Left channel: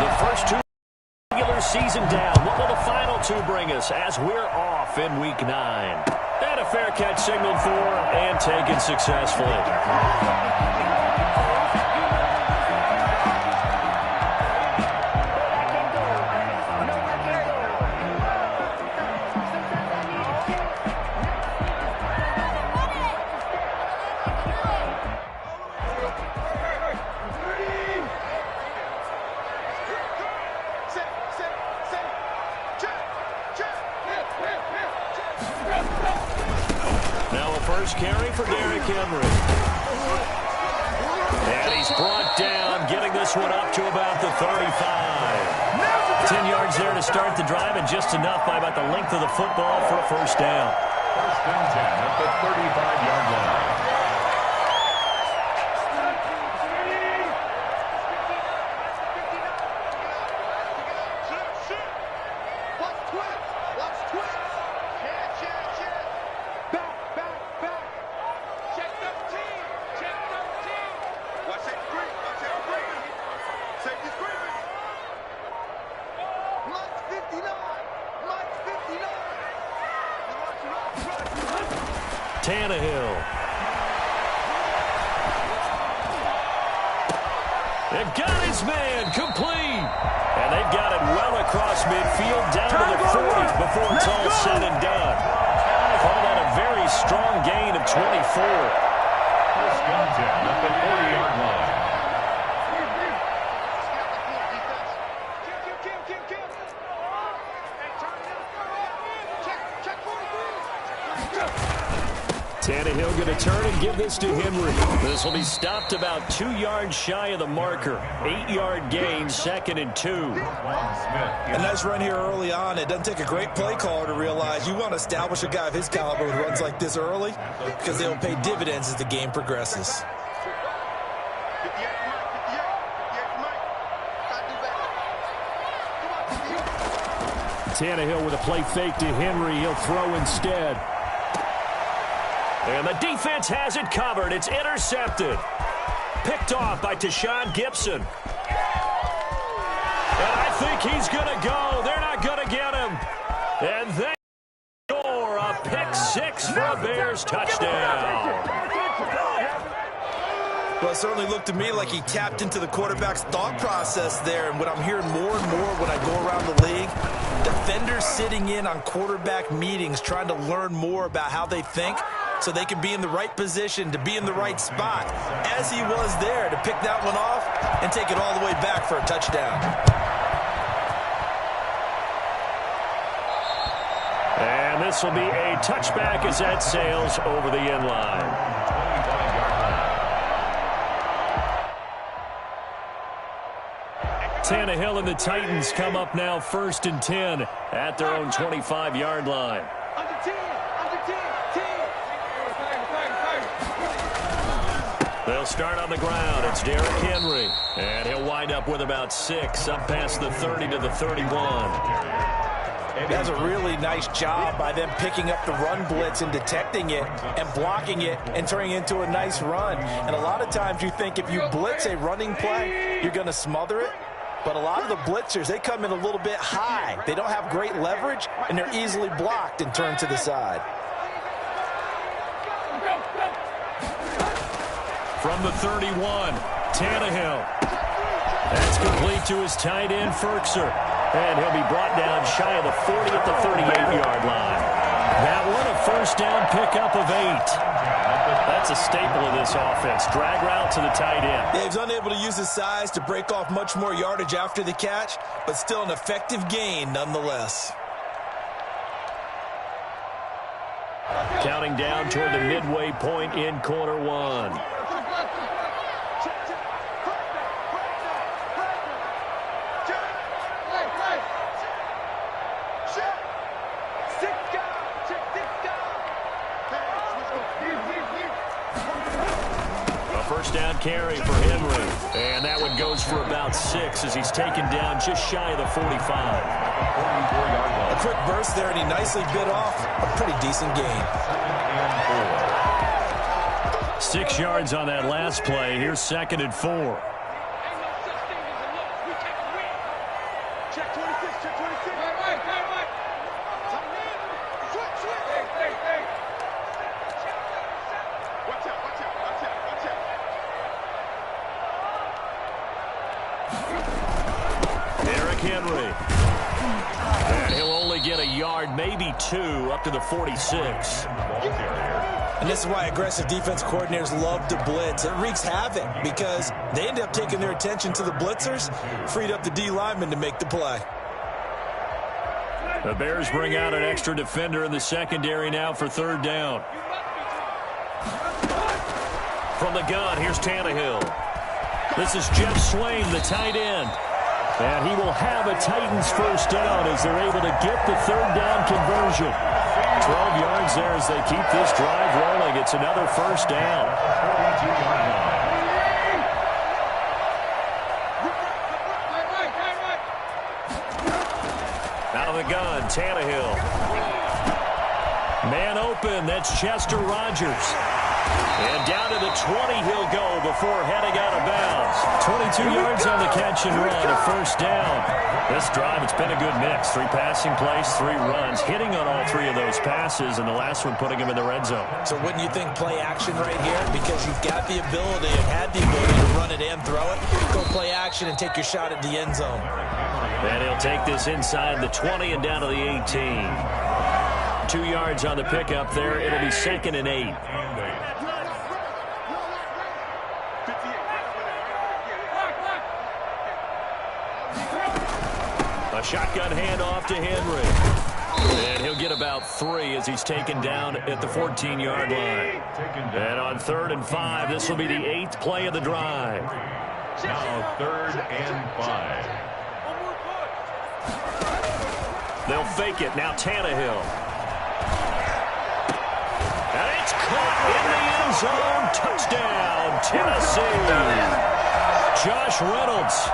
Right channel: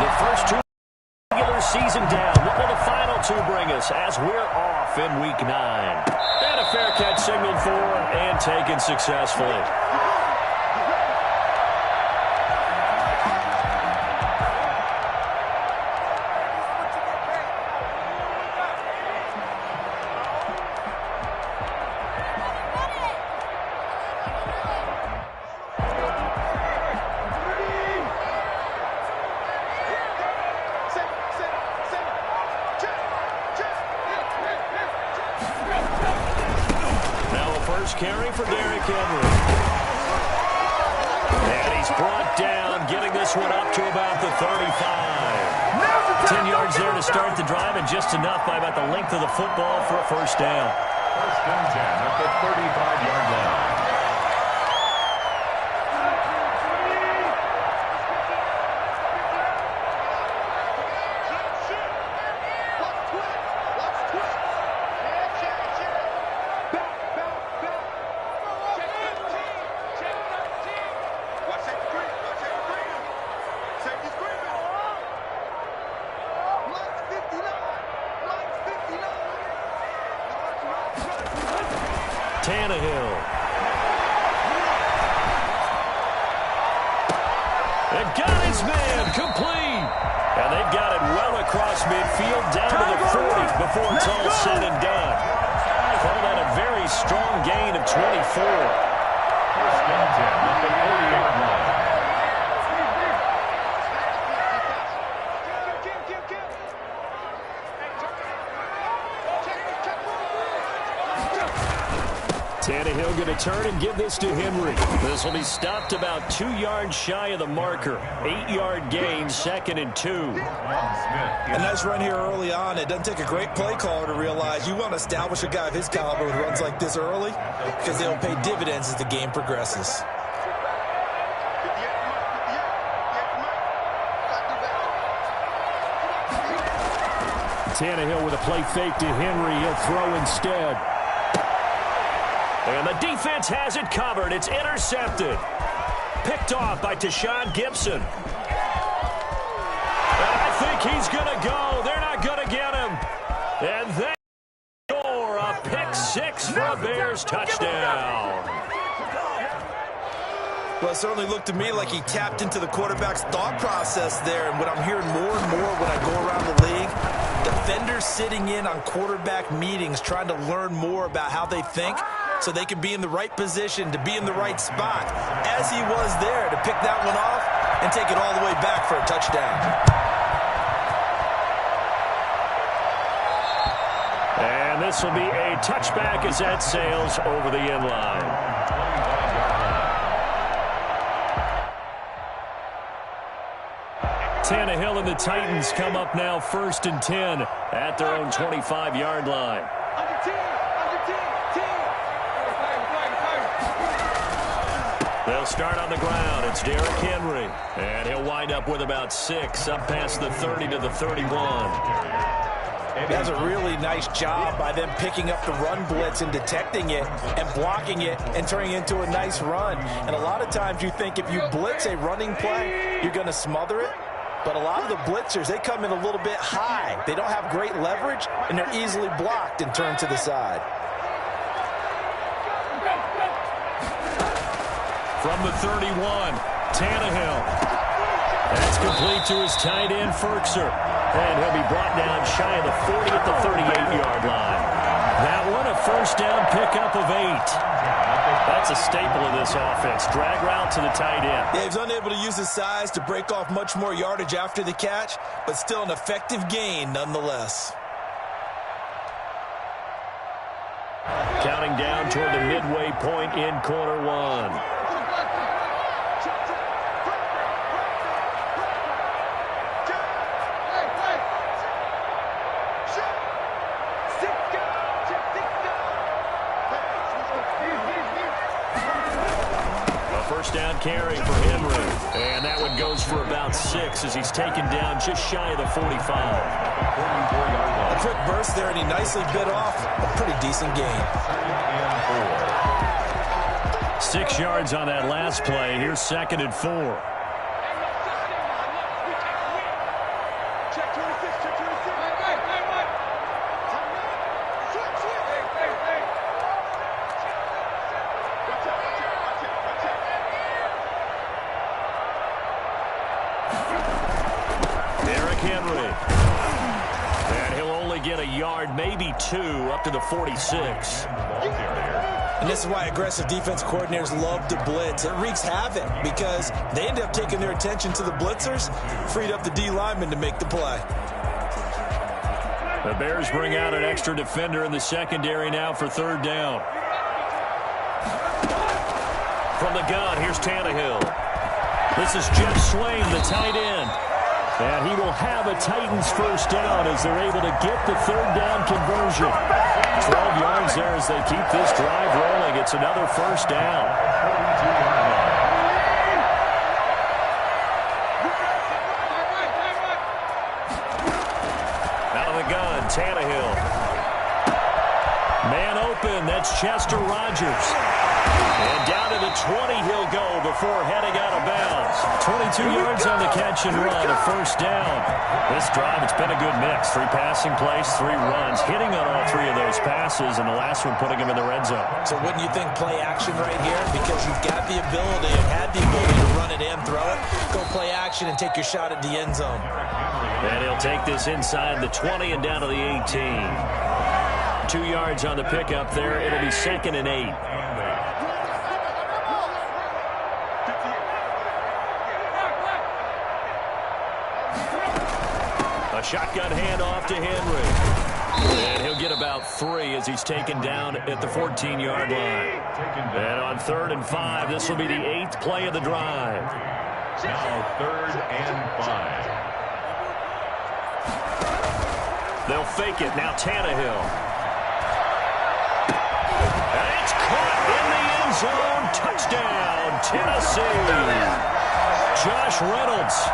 The first two regular season down. What will the final two bring us as we're off in Week 9? And a fair catch signaled for and taken successfully. First carry for Derrick Henry. And he's brought down, getting this one up to about the 35. 10 yards there to start the drive, and just enough by about the length of the football for a first down. First and 10 at the 35-yard line. Tannehill. They've got his man complete. And they've got it well across midfield down to the 40 before it's all said and done. Call that a very strong gain of 24. First and 10 at the 40-yard line. Tannehill going to turn and give this to Henry. This will be stopped about 2 yards shy of the marker. 8-yard gain, 2nd and 2. A nice run here early on. It doesn't take a great play caller to realize you want to establish a guy of his caliber who runs like this early because they'll pay dividends as the game progresses. Tannehill with a play fake to Henry. He'll throw instead. And the defense has it covered. It's intercepted. Picked off by Tashaun Gibson. And I think he's going to go. They're not going to get him. And they score a pick six for a Bears touchdown. Well, it certainly looked to me like he tapped into the quarterback's thought process there. And what I'm hearing more and more when I go around the league, defenders sitting in on quarterback meetings trying to learn more about how they think so they can be in the right position to be in the right spot, as he was there to pick that one off and take it all the way back for a touchdown. And this will be a touchback as that sails over the end line. 25-yard line. Tannehill and the Titans come up now 1st and 10 at their own 25-yard line. They'll start on the ground. It's Derrick Henry. And he'll wind up with about 6 up past the 30 to the 31. That's a really nice job by them picking up the run blitz and detecting it and blocking it and turning it into a nice run. And a lot of times you think if you blitz a running play, you're going to smother it. But a lot of the blitzers, they come in a little bit high. They don't have great leverage, and they're easily blocked and turned to the side. From the 31, Tannehill. That's complete to his tight end, Firkser. And he'll be brought down shy of the 40 at the 38-yard line. That one, a first down pickup of 8. That's a staple of this offense. Drag route to the tight end. Yeah, he's unable to use his size to break off much more yardage after the catch, but still an effective gain nonetheless. Counting down toward the midway point in quarter one. First down carry for Henry. And that one goes for about 6 as he's taken down just shy of the 45. A quick burst there, and he nicely bit off a pretty decent gain. 6 yards on that last play. Here's 2nd and 4. Henry. And he'll only get a yard, maybe 2, up to the 46. And this is why aggressive defense coordinators love to blitz. It wreaks havoc because they end up taking their attention to the blitzers, freed up the D lineman to make the play. The Bears bring out an extra defender in the secondary now for 3rd down. From the gun, here's Tannehill. This is Jeff Swain, the tight end. And he will have a Titans first down as they're able to get the 3rd down conversion. 12 yards there as they keep this drive rolling. It's another first down. Out of the gun, Tannehill. Man open, that's Chester Rogers. And down to the 20 he'll go before heading out of bounds. 22 yards on the catch and run, a first down. This drive, it's been a good mix. 3 passing plays, 3 runs, hitting on all 3 of those passes, and the last one putting him in the red zone. So wouldn't you think play action right here? Because you've got the ability and had the ability to run it and throw it. Go play action and take your shot at the end zone. And he'll take this inside the 20 and down to the 18. 2 yards on the pickup there. It'll be 2nd and 8. A shotgun handoff to Henry. And he'll get about 3 as he's taken down at the 14-yard line. And on 3rd and 5, this will be the 8th play of the drive. Now 3rd and 5. They'll fake it. Now Tannehill. And it's caught in the end zone. Touchdown, Tennessee. Josh Reynolds,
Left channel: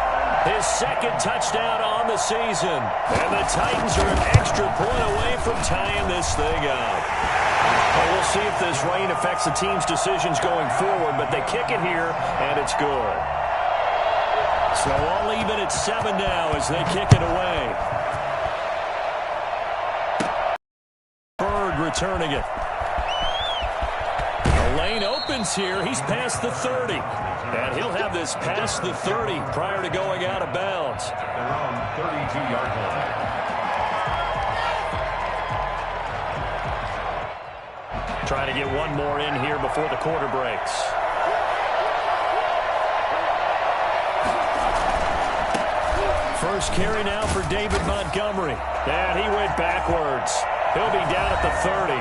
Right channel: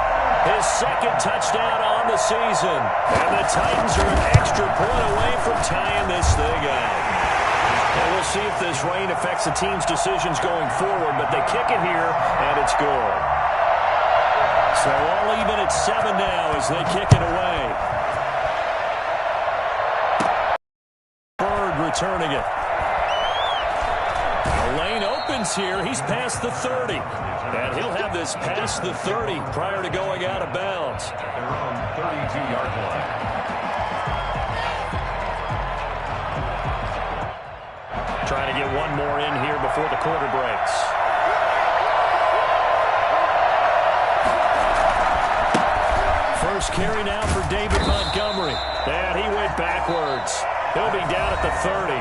his 2nd touchdown on the season. And the Titans are an extra point away from tying this thing up. And we'll see if this rain affects the team's decisions going forward, but they kick it here, and it's good. So all even at 7 now as they kick it away. Bird returning it. The lane opens here. He's past the 30. And he'll have this past the 30 prior to going out of bounds. At their own 32-yard line. Trying to get one more in here before the quarter breaks. First carry now for David Montgomery. And he went backwards. He'll be down at the 30.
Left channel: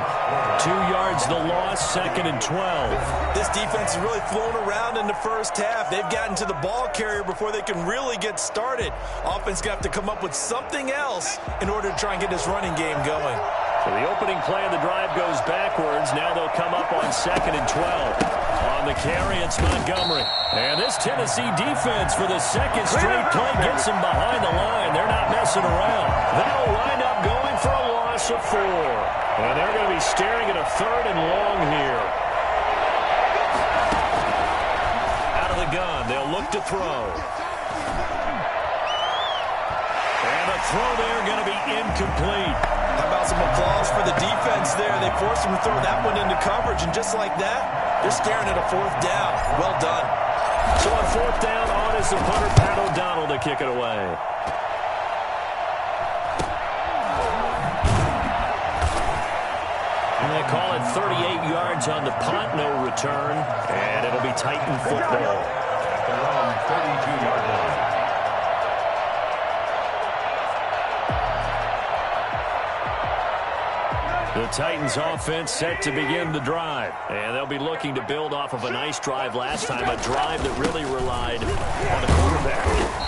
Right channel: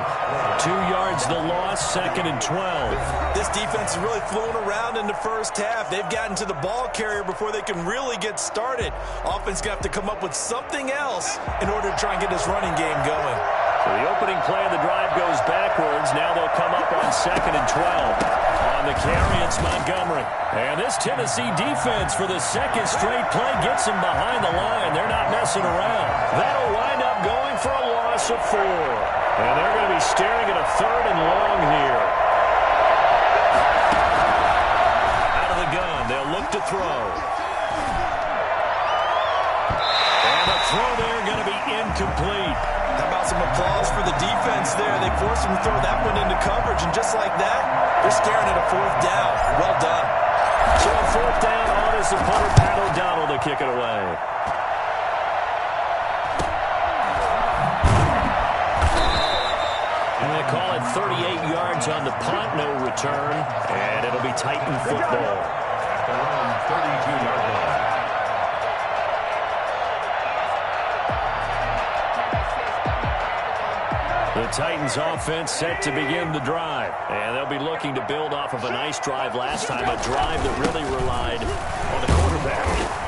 2 yards the loss, 2nd and 12. This defense is really flown around in the first half. They've gotten to the ball carrier before they can really get started. Offense got to come up with something else in order to try and get this running game going. So the opening play of the drive goes backwards. Now they'll come up on 2nd and 12. On the carry, it's Montgomery. And this Tennessee defense for the 2nd straight play gets them behind the line. They're not messing around. That'll wind up going for a loss of 4. And they're going to be staring at a 3rd and long here. Out of the gun, they'll look to throw. And the throw there going to be incomplete. How about some applause for the defense there? They forced him to throw that one into coverage, and just like that, they're staring at a 4th down. Well done. So on 4th down, on is the punter, Pat O'Donnell, to kick it away. And they call it 38 yards on the punt, no return, and it'll be Titan football. At their own 32-yard line. The Titans offense set to begin the drive. And they'll be looking to build off of a nice drive last time, a drive that really relied on the quarterback.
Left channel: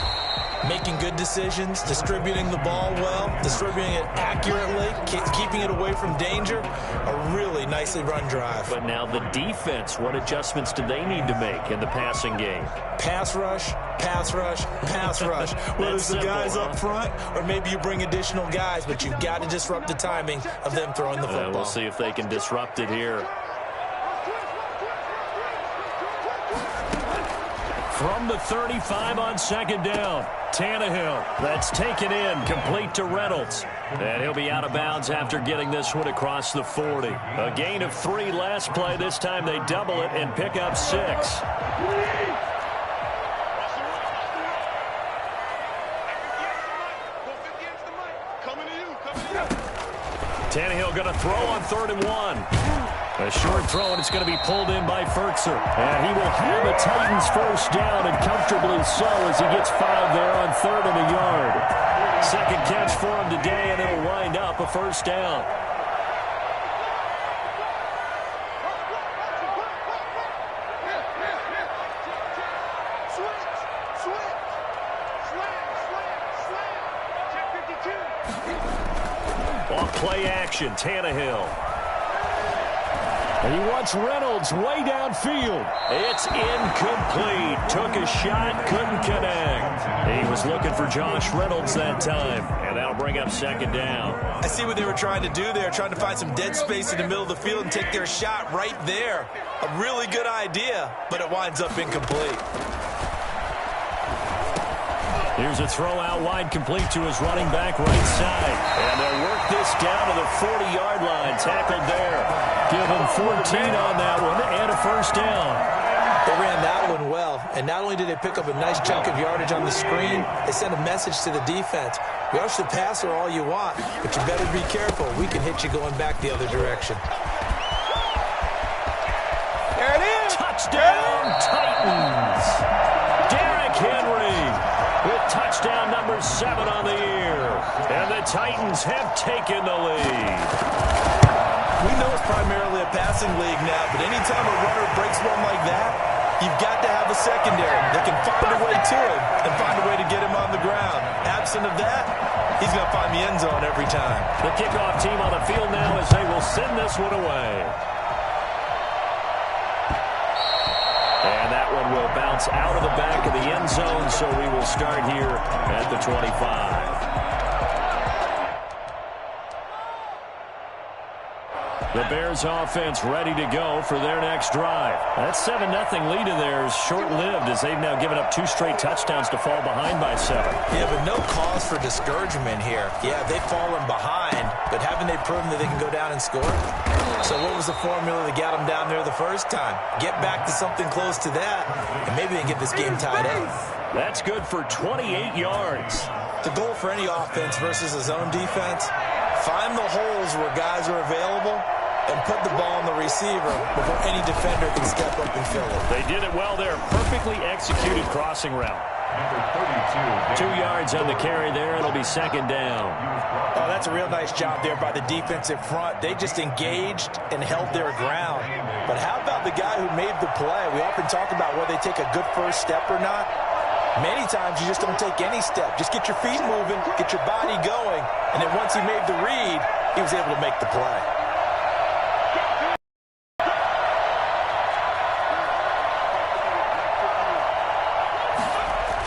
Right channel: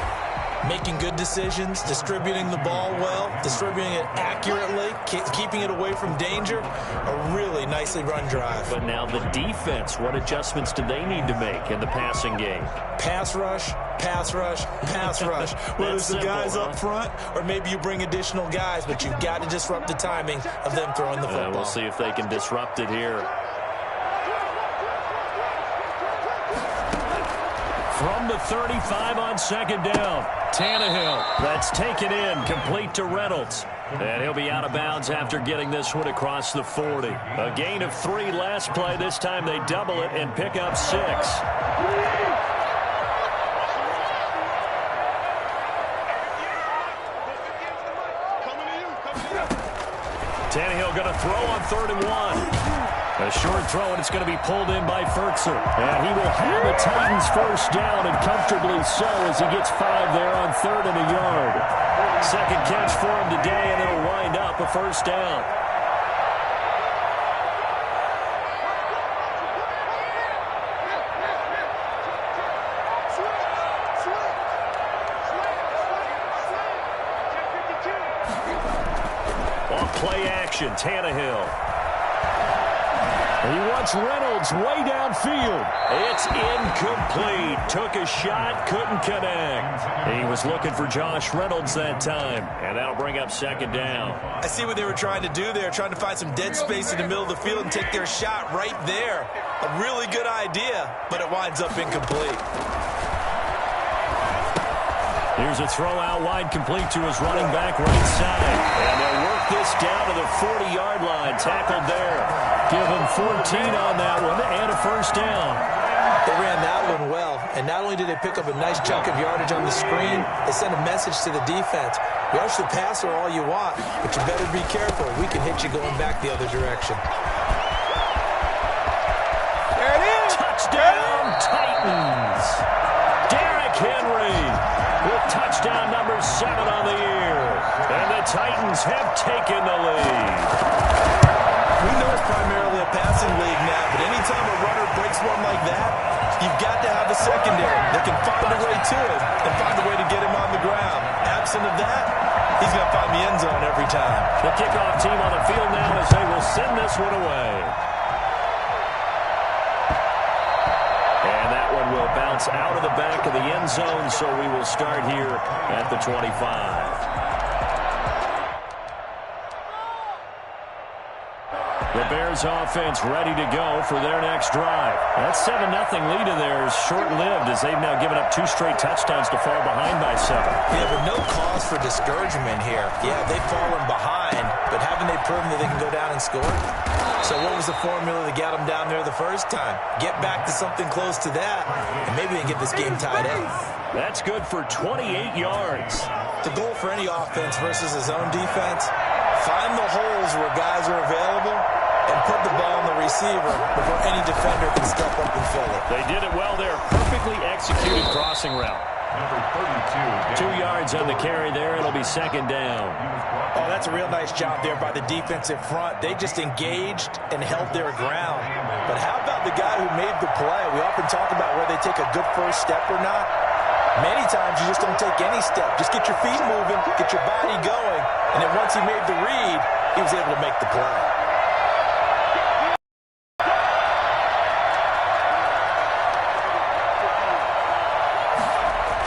Making good decisions, distributing the ball well, distributing it accurately, keeping it away from danger. A really nicely run drive. But now the defense, what adjustments do they need to make in the passing game? Pass rush, pass rush, pass rush. Whether it's the guys up front or maybe you bring additional guys, but you've got to disrupt the timing of them throwing the football. We'll see if they can disrupt it here. From the 35 on 2nd down, Tannehill. That's taken in, complete to Reynolds. And he'll be out of bounds after getting this one across the 40. A gain of 3 last play. This time they double it and pick up 6. Tannehill going to throw on 3rd and 1. A short throw, and it's going to be pulled in by Firkser. And he will have a Titans first down, and comfortably so, as he gets 5 there on 3rd and a yard. Second catch for him today, and it'll wind up a first down. Off play action, Tannehill. And he wants Reynolds way downfield. It's incomplete. Took a shot, couldn't connect. He was looking for Josh Reynolds that time, and that'll bring up 2nd down. I see what they were trying to do there, trying to find some dead space in the middle of the field and take their shot right there. A really good idea, but it winds up incomplete. Here's a throw out wide, complete to his running back right side. And they'll work this down to the 40-yard line. Tackled there. Give him 14 on that one and a first down. They ran that one well, and not only did they pick up a nice chunk of yardage on the screen, they sent a message to the defense. Rush the passer all you want, but you better be careful. We can hit you going back the other direction. There it is. Touchdown, Titans. Derrick Henry with touchdown number 7 on the year. And the Titans have taken the lead. We know it's primarily a passing league now, but anytime a runner breaks one like that, you've got to have a secondary that can find a way to him and find a way to get him on the ground. Absent of that, he's going to find the end zone every time. The kickoff team on the field now as they will send this one away. And that one will bounce out of the back of the end zone, so we will start here at the 25. The Bears offense ready to go for their next drive. That 7-0 lead of theirs short-lived as they've now given up 2 straight touchdowns to fall behind by 7. Yeah, but no cause for discouragement here. Yeah, they've fallen behind, but haven't they proven that they can go down and score? So what was the formula that got them down there the first time? Get back to something close to that, and maybe they can get this game tied up. That's good for 28 yards. The goal for any offense versus a zone defense, find the holes where guys are available and put the ball on the receiver before any defender can step up and fill it. They did it well there. Perfectly executed crossing route. Number 32. 2 yards on the carry there. It'll be 2nd down. Oh, that's a real nice job there by the defensive front. They just engaged and held their ground. But how about the guy who made the play? We often talk about whether they take a good first step or not. Many times you just don't take any step. Just get your feet moving, get your body going, and then once he made the read, he was able to make the play.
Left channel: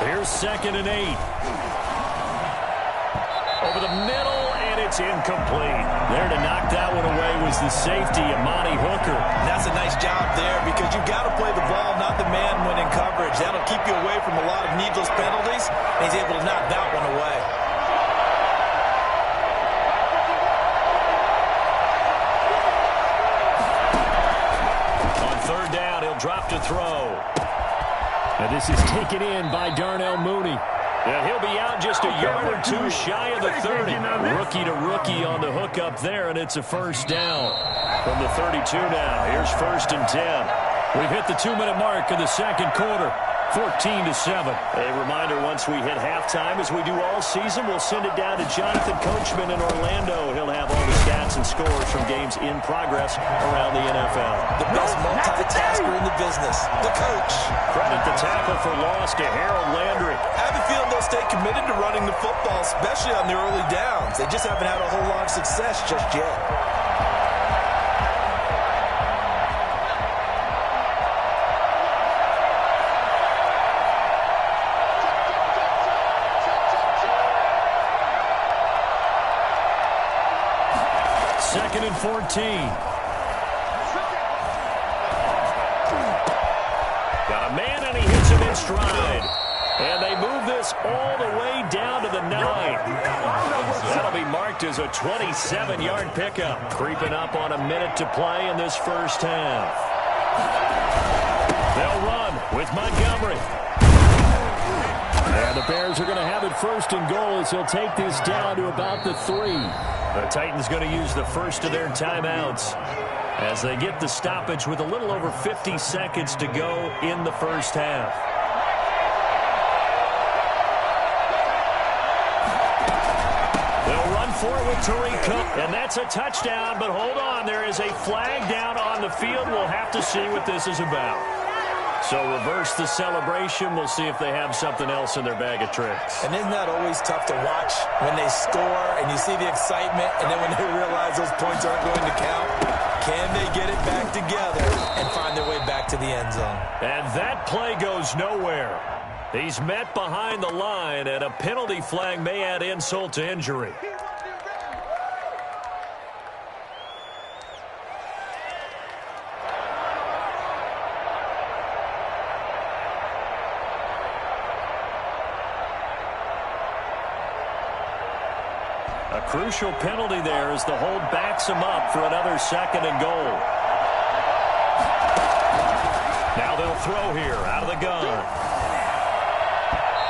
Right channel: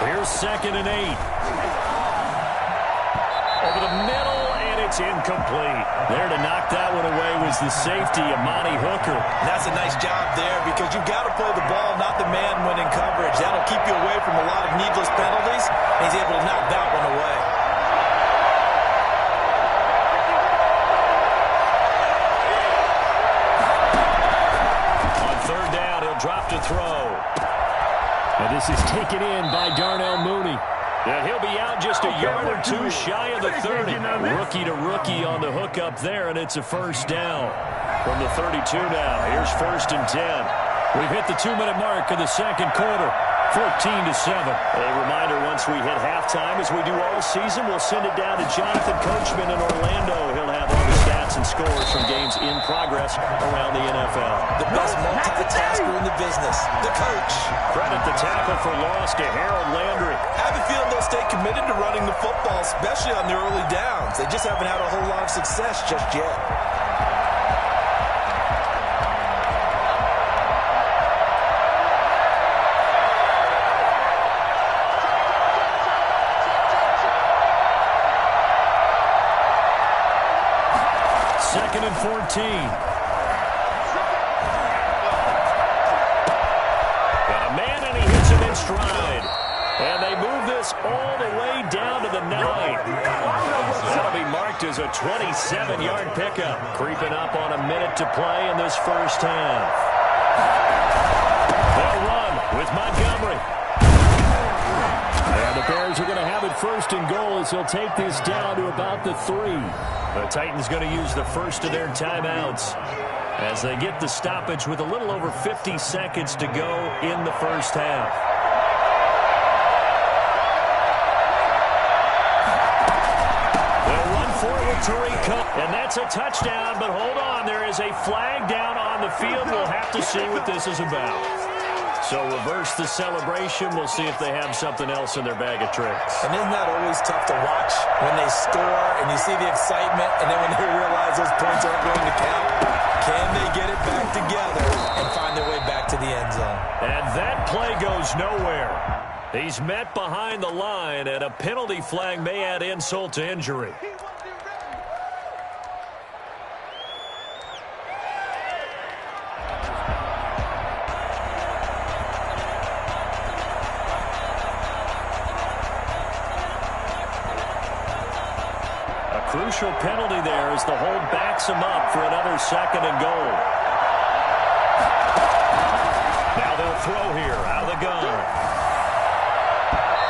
Here's 2nd and 8. Over the middle, and it's incomplete. There to knock that one away was the safety, Amani Hooker. And that's a nice job there because you've got to play the ball, not the man when in coverage. That'll keep you away from a lot of needless penalties, and he's able to knock that one away. On 3rd down, he'll drop to throw. And this is taken in by Darnell Mooney. And he'll be out just a yard or 2 shy of the 30. Rookie to rookie on the hook up there, and it's a first down from the 32 now. Here's 1st and 10. We've hit the 2-minute mark of the 2nd quarter. 14-7. A reminder, once we hit halftime, as we do all season, we'll send it down to Jonathan Coachman in Orlando. He'll have all the stats and scores from games in progress around the NFL. The best multitasker in the business, the coach. Credit the tackle for loss to Harold Landry. I have a feeling they'll stay committed to running the football, especially on the early downs. They just haven't had a whole lot of success just yet. Second and 14. Got a man, and he hits him in stride. And they move this all the way down to the 9. That'll be marked as a 27-yard pickup. Creeping up on a minute to play in this first half. They'll run with Montgomery. And the Bears are going to have it 1st and goal as he'll take this down to about the 3. The Titans going to use the first of their timeouts as they get the stoppage with a little over 50 seconds to go in the first half. They'll run for it with Tariq Cohen, and that's a touchdown, but hold on, there is a flag down on the field. We'll have to see what this is about. So reverse the celebration. We'll see if they have something else in their bag of tricks. And isn't that always tough to watch when they score and you see the excitement, and then when they realize those points aren't going to count? Can they get it back together and find their way back to the end zone? And that play goes nowhere. He's met behind the line, and a penalty flag may add insult to injury. A crucial penalty there as the hold backs him up for another second and goal. Now they'll throw here out of the gun.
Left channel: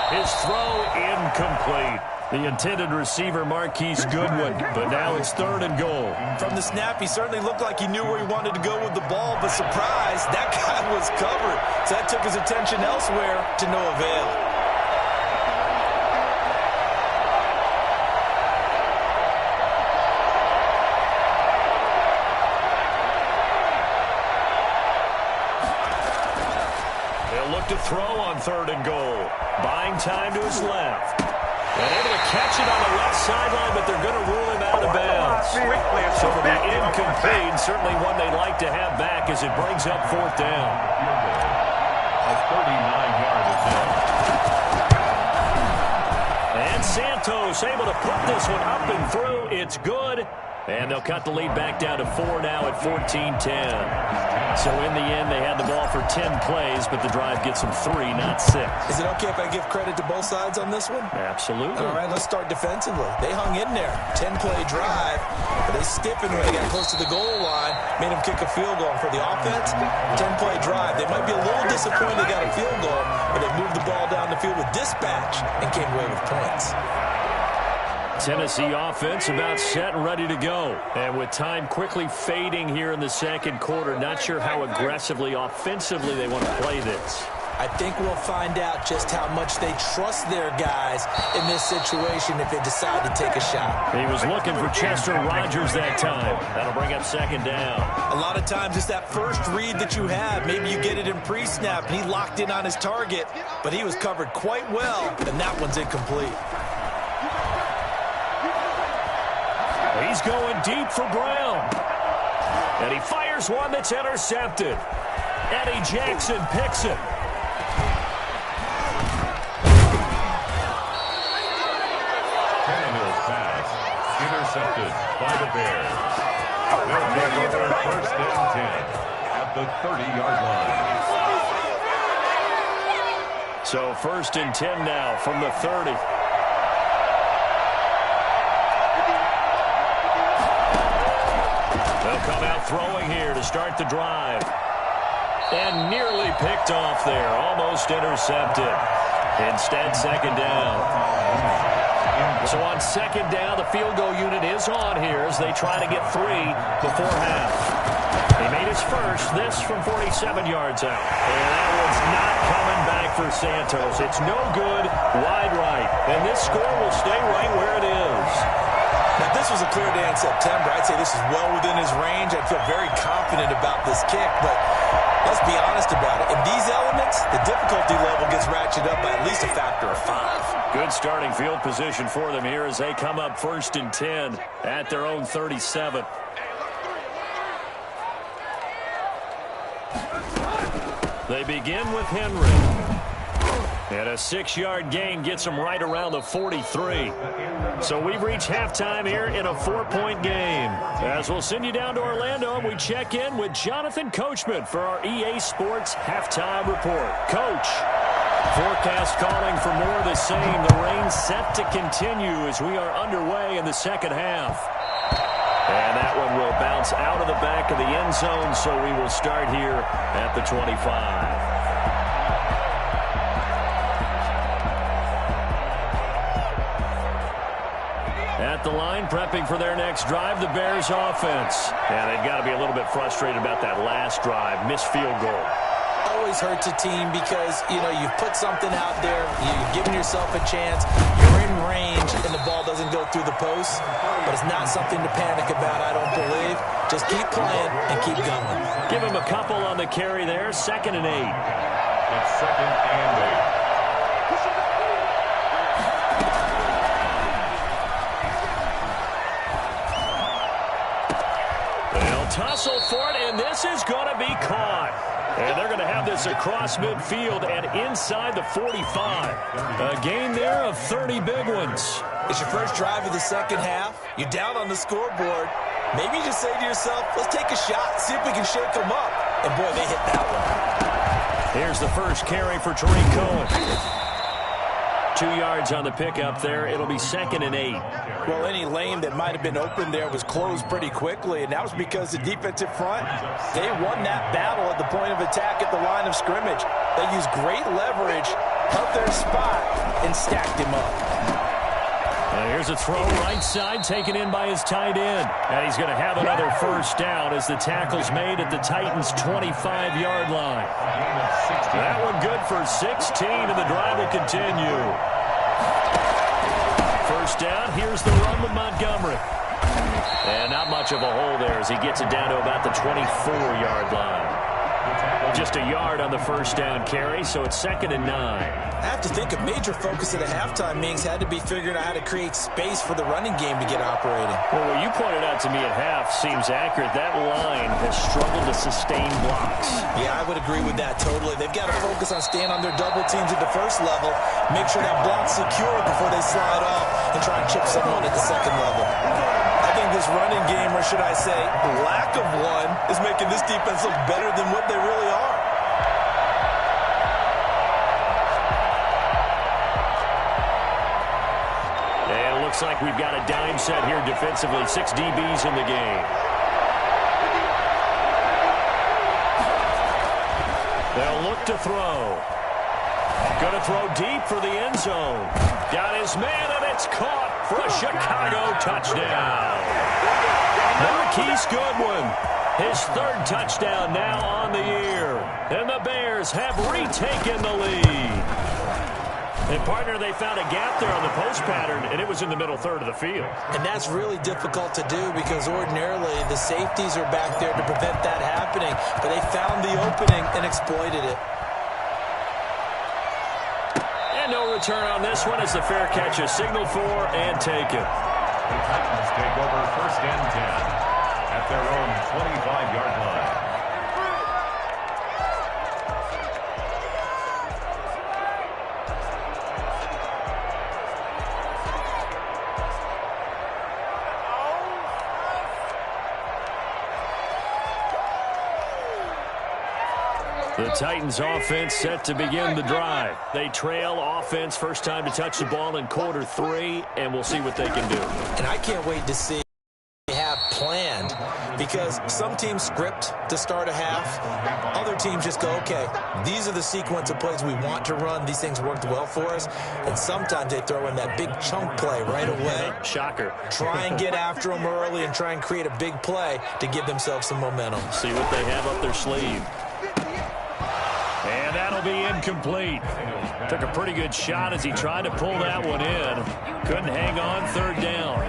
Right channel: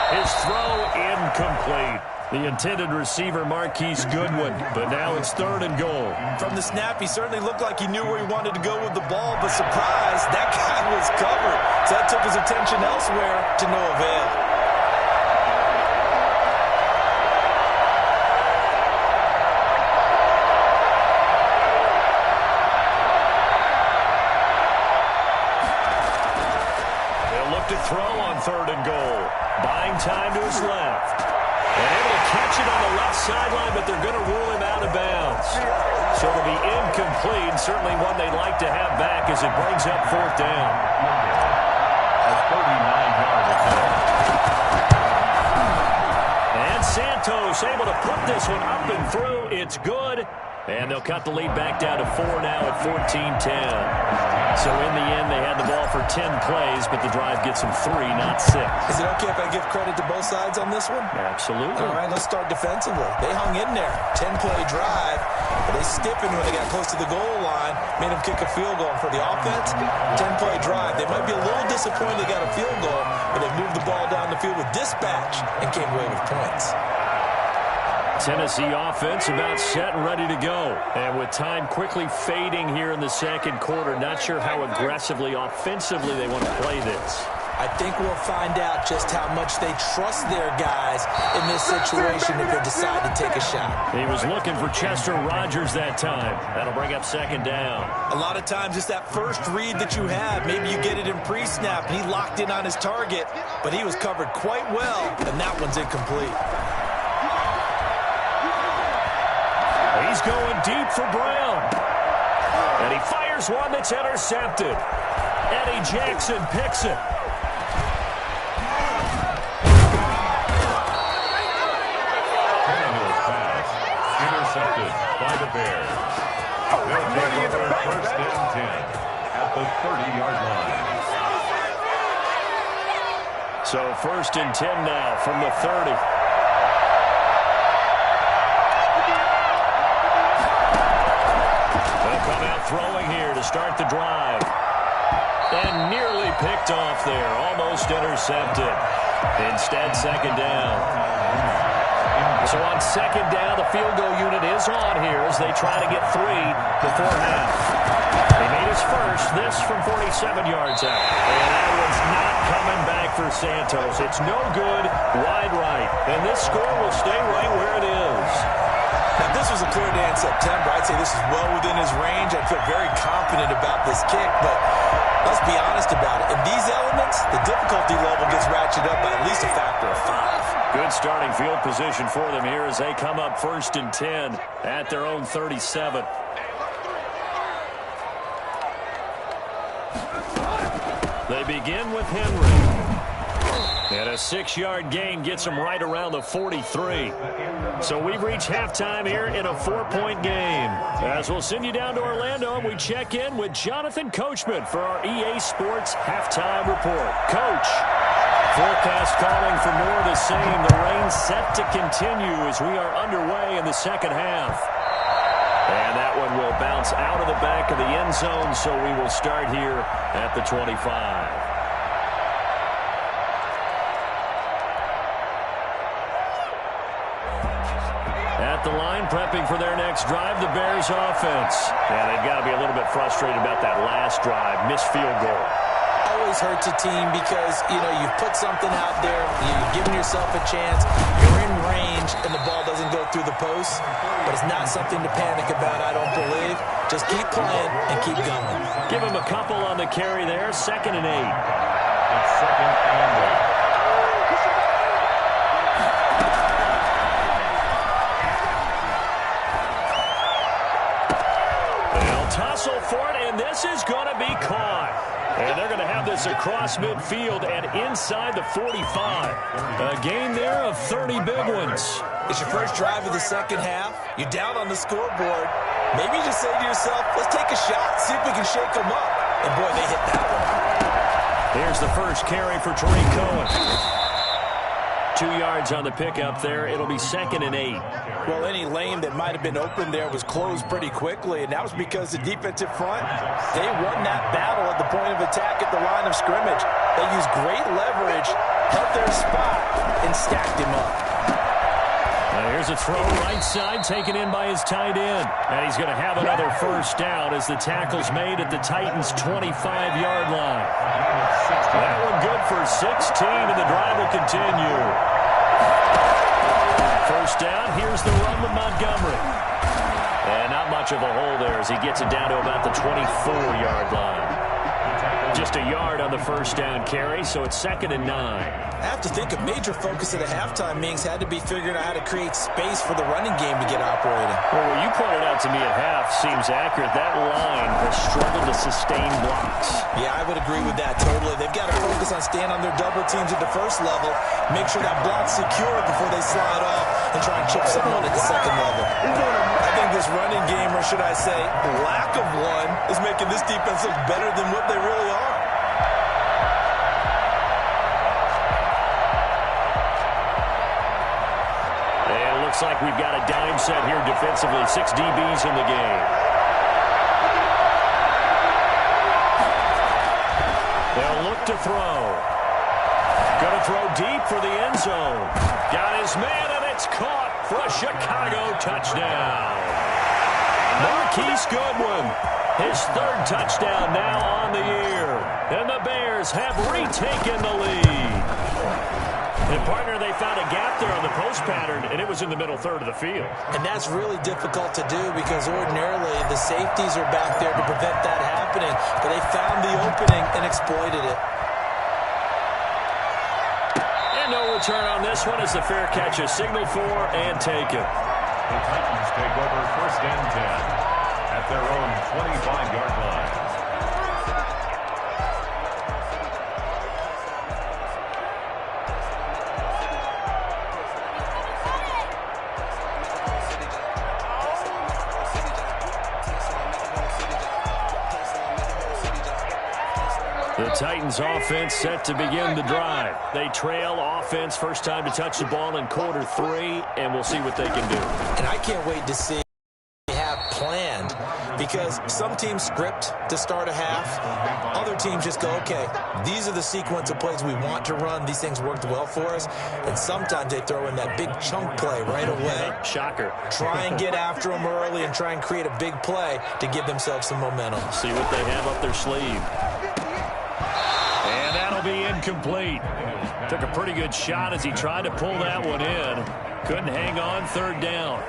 His throw incomplete. The intended receiver, Marquise Goodwin, but now it's 3rd and goal. From the snap, he certainly looked like he knew where he wanted to go with the ball, but surprise, that guy was covered. So that took his attention elsewhere to no avail. To throw on 3rd and goal. Buying time to his left. And able to catch it on the left sideline, but they're going to rule him out of bounds. So it'll be incomplete, certainly one they'd like to have back as it brings up 4th down. A 39-yard attempt. And Santos able to put this one up and through. It's good. And they'll cut the lead back down to 4 now at 14-10. So in the end, they had the ball for 10 plays, but the drive gets them 3, not 6. Is it okay if I give credit to both sides on this one? Absolutely. All right, let's start defensively. They hung in there. 10-play drive, but they stiffened when they got close to the goal line, made them kick a field goal. And for the offense, 10-play drive. They might be a little disappointed they got a field goal, but they moved the ball down the field with dispatch and came away with points. Tennessee offense about set and ready to go. And with time quickly fading here in the second quarter, not sure how aggressively, offensively they want to play this. I think we'll find out just how much they trust their guys in this situation if they decide to take a shot. He was looking for Chester Rogers that time. That'll bring up 2nd down. A lot of times it's that first read that you have. Maybe you get it in pre-snap and he locked in on his target, but he was covered quite well, and that one's incomplete. He's going deep for Brown. And he fires one that's intercepted. Eddie Jackson picks it. Tannehill's pass intercepted by the Bears. They'll take over 1st and 10 at the 30-yard line. So 1st and 10 now from the 30. Come out throwing here to start the drive. And nearly picked off there. Almost intercepted. Instead, 2nd down. So on 2nd down, the field goal unit is on here as they try to get 3 before half. He made his first, this from 47 yards out. And that one's not coming back for Santos. It's no good, wide right. And this score will stay right where it is. Now, if this was a clear day in September, I'd say this is well within his range. I'd feel very confident about this kick, but let's be honest about it. In these elements, the difficulty level gets ratcheted up by at least a factor of 5. Good starting field position for them here as they come up 1st and 10 at their own 37. They begin with Henry. And a 6-yard gain gets them right around the 43. So we've reached halftime here in a 4-point game. As we'll send you down to Orlando, and we check in with Jonathan Coachman for our EA Sports Halftime Report. Coach, forecast calling for more of the same. The rain set to continue as we are underway in the second half. And that one will bounce out of the back of the end zone, so we will start here at the 25. At the line, prepping for their next drive, the Bears offense. Yeah, they've got to be a little bit frustrated about that last drive, missed field goal. Always hurts a team because, you've put something out there, you've given yourself a chance, you're in range, and the ball doesn't go through the post. But it's not something to panic about, I don't believe. Just keep playing and keep going. Give him a couple on the carry there, 2nd and 8. It's 2nd and 8. They'll tussle for it, and this is going to be caught. And they're going to have this across midfield and inside the 45. A gain there of 30 big ones. It's your first drive of the second half. You're down on the scoreboard. Maybe you just say to yourself, let's take a shot, see if we can shake them up. And, boy, they hit that one. Here's the first carry for Tariq Cohen. 2 yards on the pickup there. It'll be 2nd and 8. Well, any lane that might have been open there was closed pretty quickly, and that was because the defensive front, they won that battle at the point of attack at the line of scrimmage. They used great leverage, held their spot, and stacked him up. Here's a throw right side, taken in by his tight end. And he's going to have another first down as the tackle's made at the Titans' 25-yard line. That one good for 16, and the drive will continue. First down, here's the run with Montgomery. And not much of a hole there as he gets it down to about the 24-yard line. Just a yard on the first down carry, so it's 2nd and 9. I have to think a major focus at a halftime means had to be figuring out how to create space for the running game to get operating. Well, what you pointed out to me at half seems accurate. That line has struggled to sustain blocks. Yeah, I would agree with that totally. They've got to focus on staying on their double teams at the first level, make sure that block's secure before they slide off and try and chip someone at the second level. I think this running game, or should I say lack of one, is making this defense look better than what they really are. And it looks like we've got a dime set here defensively. 6 DBs in the game. They'll look to throw. Going to throw deep for the end zone. Got his man, and it's caught for a Chicago touchdown. Marquise Goodwin, his 3rd touchdown now on the year. And the Bears have retaken the lead. And, partner, they found a gap there on the post pattern, and it was in the middle third of the field. And that's really difficult to do because ordinarily the safeties are back there to prevent that happening. But they found the opening and exploited it. And no return on this one as the fair catch is signaled for and taken. The Titans take over 1st and 10 at their own 25-yard line. The Titans offense set to begin the drive. They trail offense, first time to touch the ball in quarter 3, and we'll see what they can do. And I can't wait to see what they have planned because some teams script to start a half. Other teams just go, okay, these are the sequence of plays we want to run. These things worked well for us. And sometimes they throw in that big chunk play right away. Shocker. Try and get after them early and try and create a big play to give themselves some momentum. See what they have up their sleeve. And that'll be incomplete. Took a pretty good shot as he tried to pull that one in. Couldn't hang on, 3rd down.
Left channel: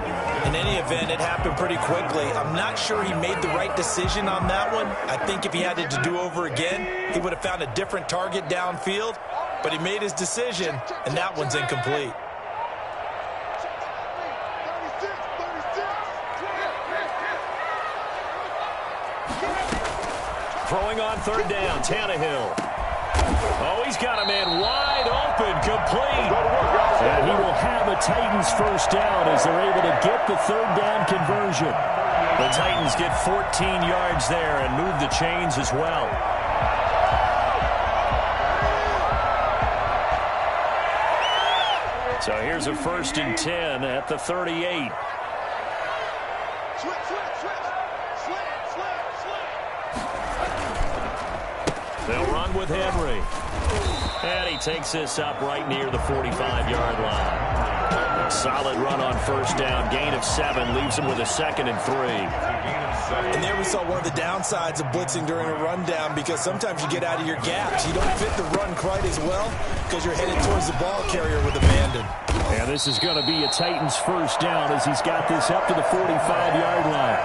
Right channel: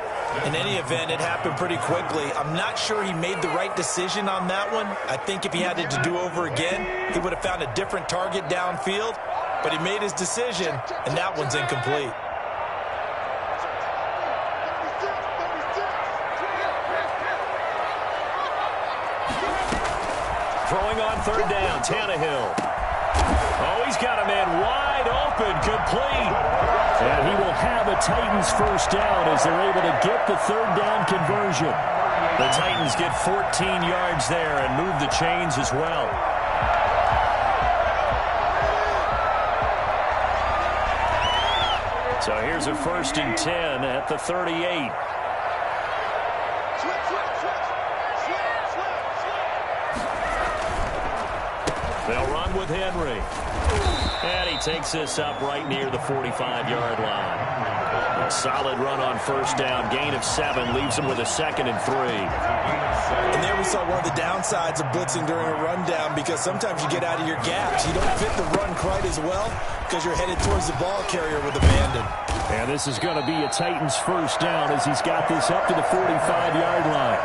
In any event, it happened pretty quickly. I'm not sure he made the right decision on that one. I think if he had it to do over again, he would have found a different target downfield. But he made his decision, and that one's incomplete. Throwing on 3rd down, Tannehill. Oh, he's got a man wide open, complete. And he will have a Titans first down as they're able to get the 3rd down conversion. The Titans get 14 yards there and move the chains as well. So here's a 1st and 10 at the 38. They'll run with Henry. And he takes this up right near the 45-yard line. Solid run on first down. Gain of 7 leaves him with a 2nd and 3. And there we saw one of the downsides of blitzing during a rundown, because sometimes you get out of your gaps. You don't fit the run quite as well because you're headed towards the ball carrier with abandon. And this is going to be a Titans first down as he's got this up to the 45-yard line.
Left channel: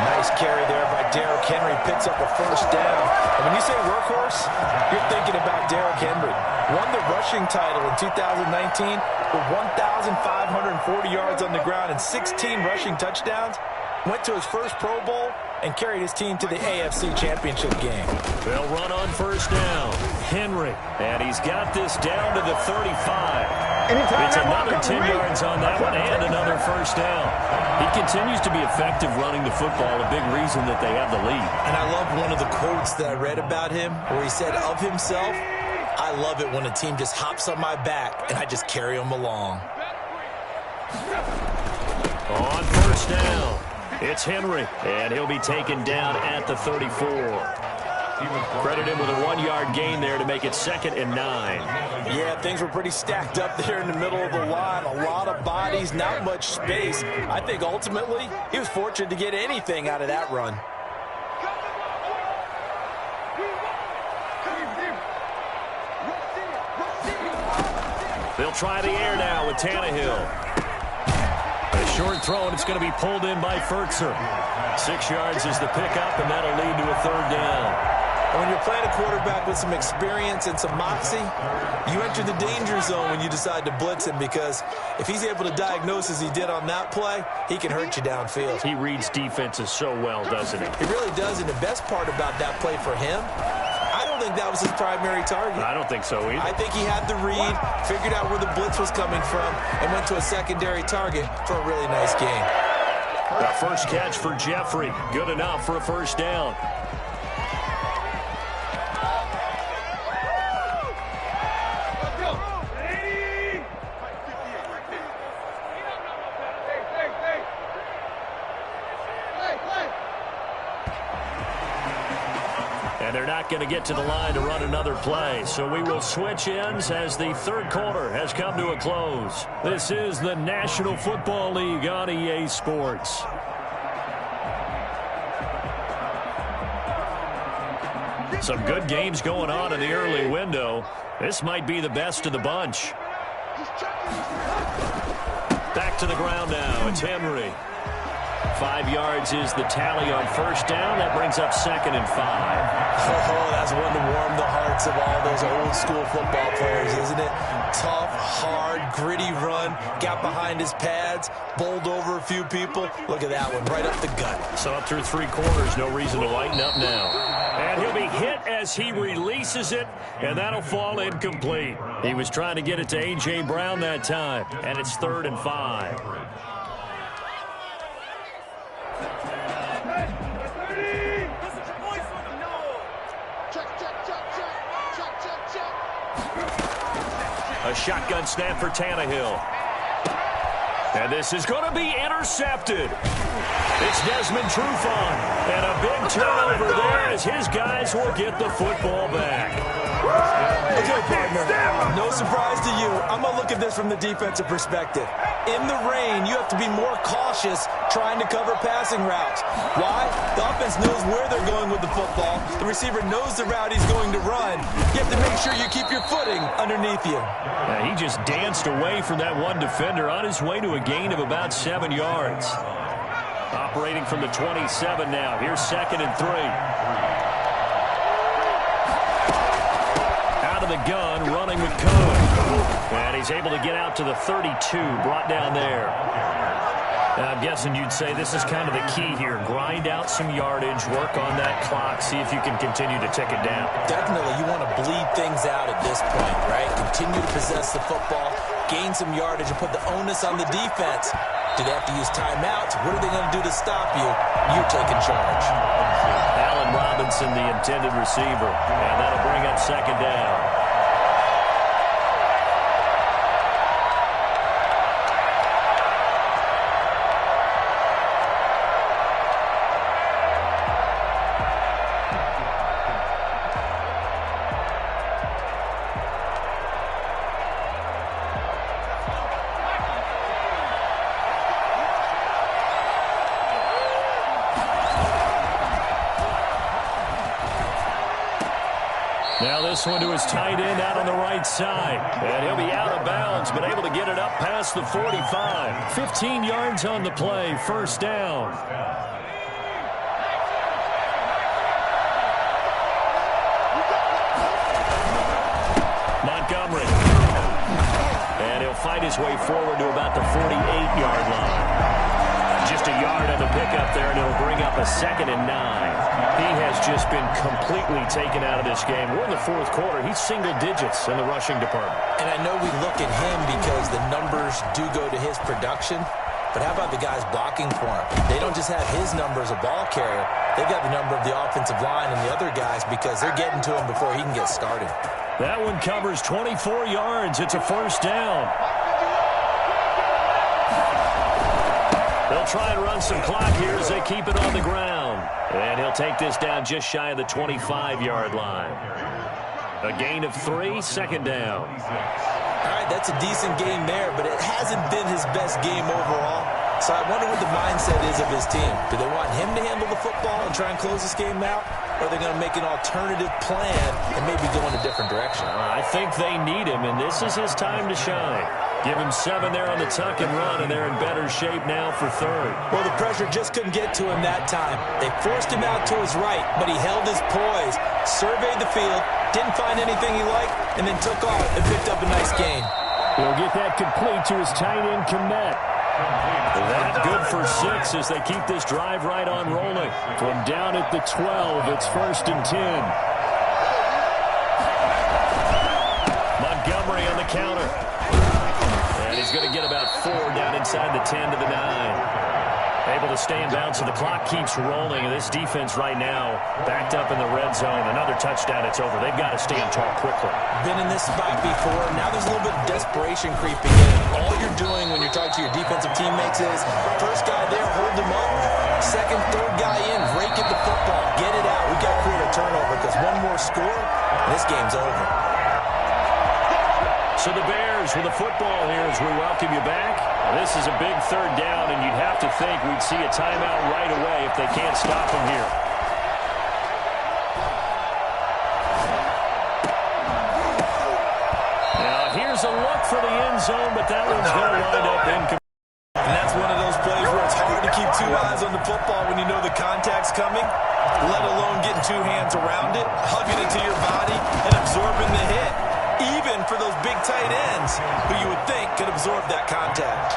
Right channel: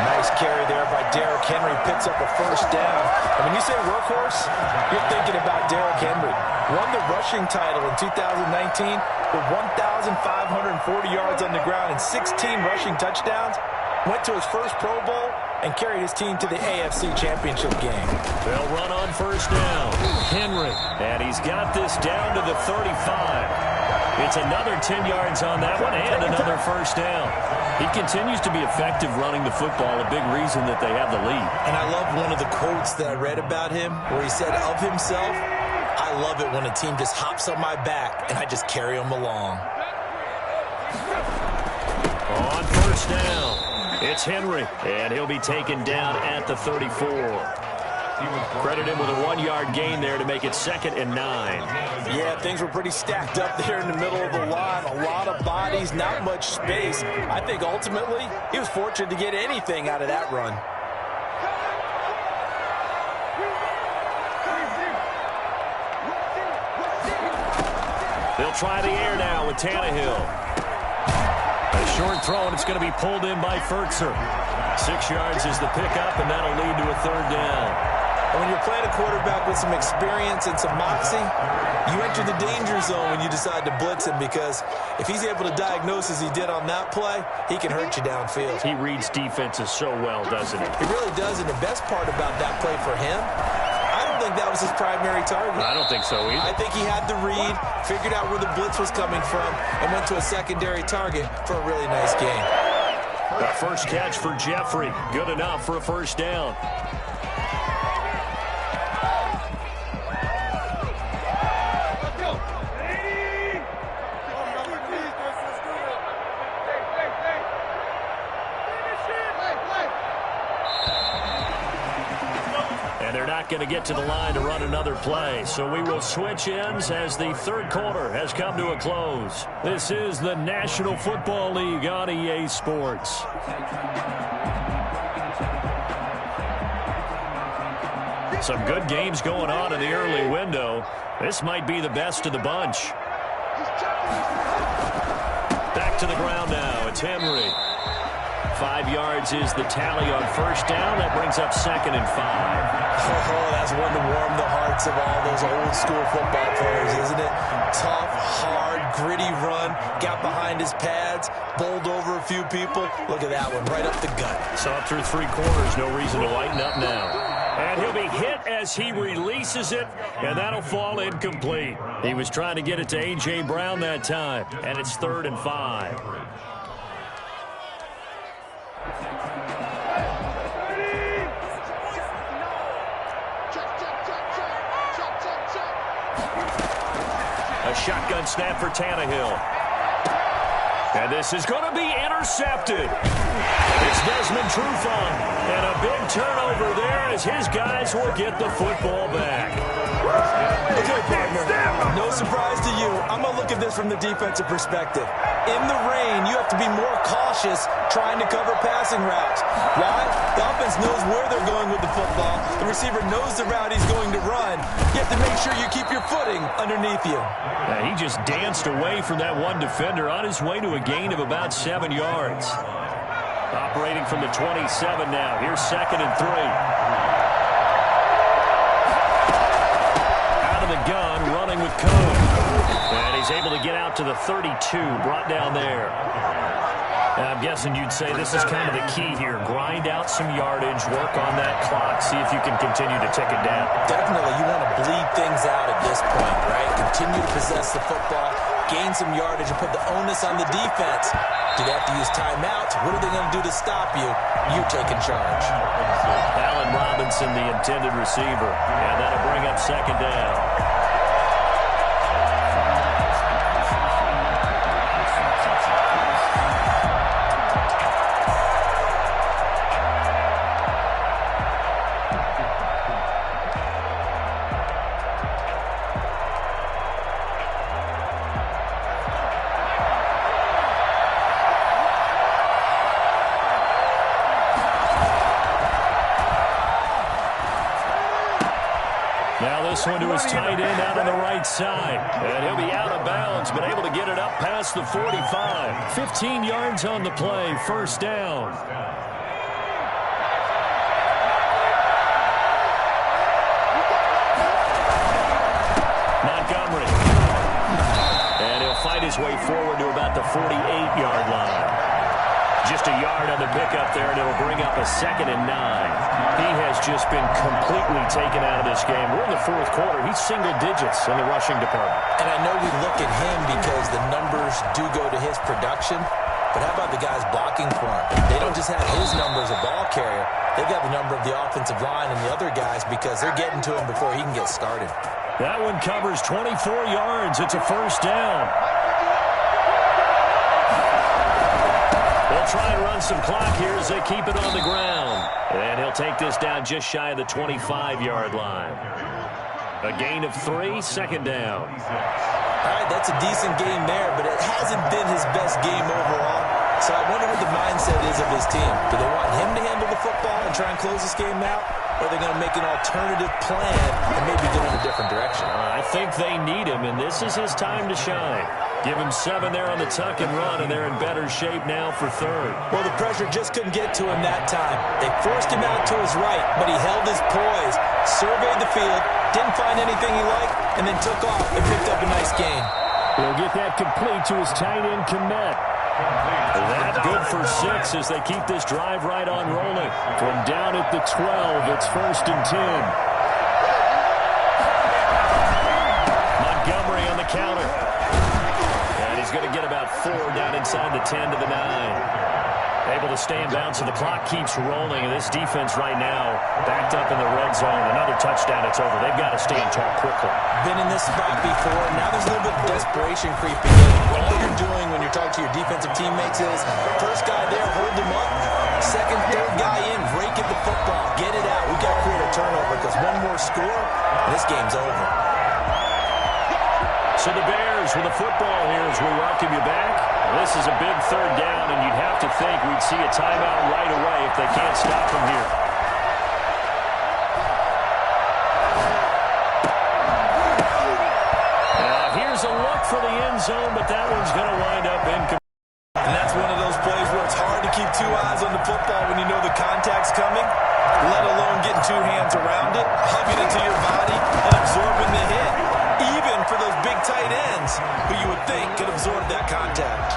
Nice carry there by Derrick Henry. Picks up a first down. And when you say workhorse, you're thinking about Derrick Henry. Won the rushing title in 2019 with 1,540 yards on the ground and 16 rushing touchdowns. Went to his first Pro Bowl and carried his team to the AFC Championship game. They'll run on first down. Henry. And he's got this down to the 35. It's another 10 yards on that one and another first down. He continues to be effective running the football, a big reason that they have the lead. And I love one of the quotes that I read about him where he said of himself, "I love it when a team just hops on my back and I just carry them along." On first down, it's Henry, and he'll be taken down at the 34. Credit him with a 1-yard gain there to make it 2nd and 9. Yeah, things were pretty stacked up there in the middle of the line. A lot of bodies, not much space. I think ultimately he was fortunate to get anything out of that run. They'll try the air now with Tannehill. A short throw, and it's going to be pulled in by Firkser. 6 yards is the pickup, and that'll lead to a 3rd down. And when you're playing a quarterback with some experience and some moxie, you enter the danger zone when you decide to blitz him, because if he's able to diagnose as he did on that play, he can hurt you downfield. He reads defenses so well, doesn't he? He really does, and the best part about that play for him, I don't think that was his primary target. I don't think so either. I think he had the read, figured out where the blitz was coming from, and went to a secondary target for a really nice gain. The first catch for Jeffrey. Good enough for a first down. And they're not going to get to the line to run another play. So we will switch ends as the 3rd quarter has come to a close. This is the National Football League on EA Sports. Some good games going on in the early window. This might be the best of the bunch. Back to the ground now. It's Henry. 5 yards is the tally on first down. That brings up 2nd and 5. Oh, that's one to warm the hearts of all those old school football players, isn't it? Tough, hard, gritty run. Got behind his pads, bowled over a few people. Look at that one, right up the gut. So up through 3 quarters, no reason to lighten up now. And he'll be hit as he releases it, and that'll fall incomplete. He was trying to get it to A.J. Brown that time, and it's 3rd and 5. A shotgun snap for Tannehill. And this is going to be intercepted. It's Desmond Trufant. And a big turnover there as his guys will get the football back. Okay, partner, no surprise to you. I'm going to look at this from the defensive perspective. In the rain, you have to be more cautious trying to cover passing routes. Why? The offense knows where they're going with the football. The receiver knows the route he's going to run. You have to make sure you keep your footing underneath you. He just danced away from that one defender on his way to a gain of about 7 yards. Operating from the 27 now. Here's 2nd and 3. Out of the gun, running with Cohn. And he's able to get out to the 32, brought down there. I'm guessing you'd say this is kind of the key here. Grind out some yardage, work on that clock, see if you can continue to tick it down. Definitely, you want to bleed things out at this point, right? Continue to possess the football, gain some yardage, and put the onus on the defense. Do they have to use timeouts? What are they going to do to stop you? You taking charge. Allen Robinson, the intended receiver, and that'll bring up 2nd down. Now this one to his tight end out on the right side. And he'll be out of bounds, but able to get it up past the 45. 15 yards on the play, first down. Montgomery. And he'll fight his way forward to about the 48-yard line. Just a yard on the pickup there, and it'll bring up a 2nd and 9. He has just been completely taken out of this game. We're in the fourth quarter. He's single digits in the rushing department. And I know we look at him because the numbers do go to his production. But how about the guys blocking for him? They don't just have his number as a ball carrier. They've got the number of the offensive line and the other guys because they're getting to him before he can get started. That one covers 24 yards. It's a first down. They'll try and run some clock here as they keep it on the ground. And he'll take this down just shy of the 25-yard line. A gain of 3, 2nd down. All right, that's a decent game there, but it hasn't been his best game overall. So I wonder what the mindset is of his team. Do they want him to handle the football and try and close this game out? Or are they going to make an alternative plan and maybe go in a different direction? I think they need him, and this is his time to shine. Give him 7 there on the tuck and run, and they're in better shape now for 3rd. Well, the pressure just couldn't get to him that time. They forced him out to his right, but he held his poise, surveyed the field, didn't find anything he liked, and then took off and picked up a nice gain. He'll get that complete to his tight end, Kmet. That good for 6 as they keep this drive right on rolling. From down at the 12, it's 1st and 10. Montgomery on the counter. And he's going to get about 4 down inside the 10 to the 9. Able to stay in bounds, so the clock keeps rolling. And this defense right now backed up in the red zone. Another touchdown, it's over. They've got to stand tall quickly. Been in this spot before. Now there's a little bit of desperation creeping in. All you're doing when you're talking to your defensive teammates is first guy there, hold them up. Second, third guy in, rake at the football. Get it out. We've got to create a turnover because one more score, and this game's over. So the Bears with the football here as we welcome you back. This is a big 3rd down, and you'd have to think we'd see a timeout right away if they can't stop them here. Now here's a look for the end zone, but that one's going to wind up incomplete. And that's one of those plays where it's hard to keep 2 eyes on the football when you know the contact's coming, let alone getting 2 hands around it, hugging it to your body, and absorbing the hit. Even for those big tight ends who you would think could absorb that contact.